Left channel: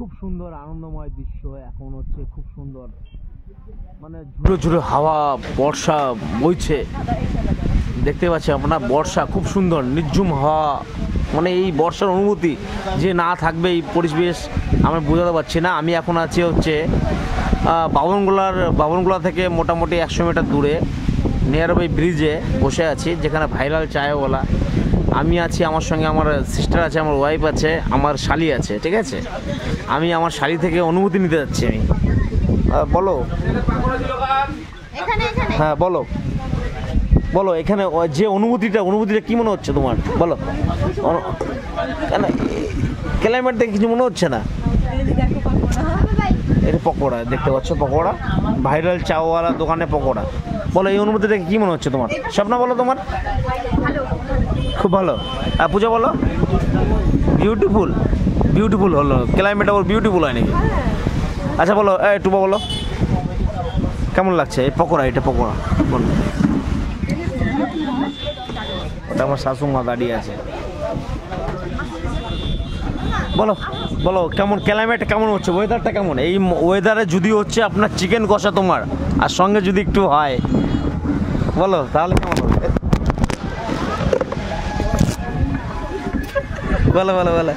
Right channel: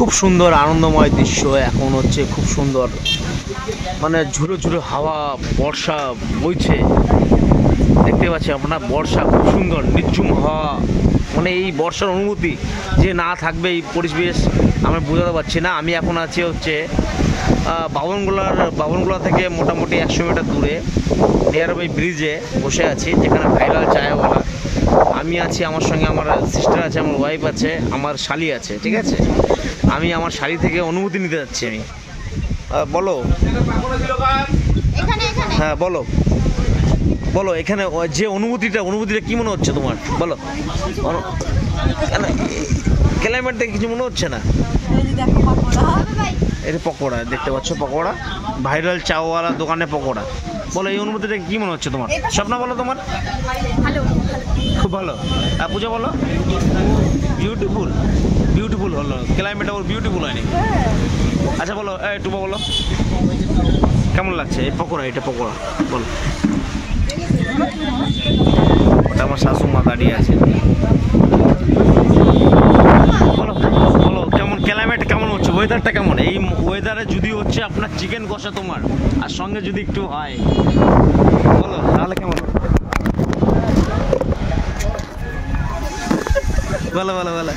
খুব সুন্দর আনন্দময় দৃশ্য। এখন হচ্ছে খুব সুন্দর, মানে ঝুড়ো ঝুড়ো হাওয়া, বর্ষা বইছে, দেখতে পাচ্ছি আপনার। বর্ষা খুব সুন্দর, নির্ঝুম হাওয়া, মানে এই বর্ষার অনুভূতি যে না থাকবে এই পরিবেশ আমরা বোঝাতে পারছি না। আমি এখন আছি হচ্ছে বাবনগোলা থেকে মোটামুটি 100 মিটার দূরে নিয়ার বাই ব্রিজে বসে আছি, যেখানে ভাইরাল চায়ওয়ালা। আমি আছি, আমার সঙ্গে আমার সিস্টার আছে, আমার ওয়াইফ আছে, আমার শালি আছে, ঠিক আছে। আমি আমার শালি থেকে অনুভূতি নিতে যাচ্ছি। আমি বলো, হ্যাঁ বলো বলো, এখানে যে অনুভূতিটা কি মনে হচ্ছে তোমার, বলো। কেন ক্লাইমেট দেখে কিছু মনে হচ্ছে না? এটা পকোড়া দেখতে পাচ্ছ, পকোড়া, ভাইরাল চাওয়ালা দোকানে পকোড়া। বলো এই অনুভূতিটা কি মনে হচ্ছে তোমার? স্বপ্না বলো তোমার। খুব ভালো। আর পূজা বলো। বিউটিফুল হলো ক্লাইমেট, আবার বিউটিফুল হয় নাকি? আচ্ছা বলো, এই টুবা বলো কেমন লাগছে এই পকোড়া? এটা পকোড়া বলো। ওটা আমার শাশুড়ি দাঁড়িয়ে আছে। বলো বলো কেমন ক্লাইমেট, কেমন হচ্ছে, ওয়েদারটা কেমন? এই ওয়েদারে যদি হচ্ছে আপনার চিকেন কষা তোমার, আর সঙ্গে যদি একটু হয়, বলো তাহলে কেমন হবে? বলো বলো বলো।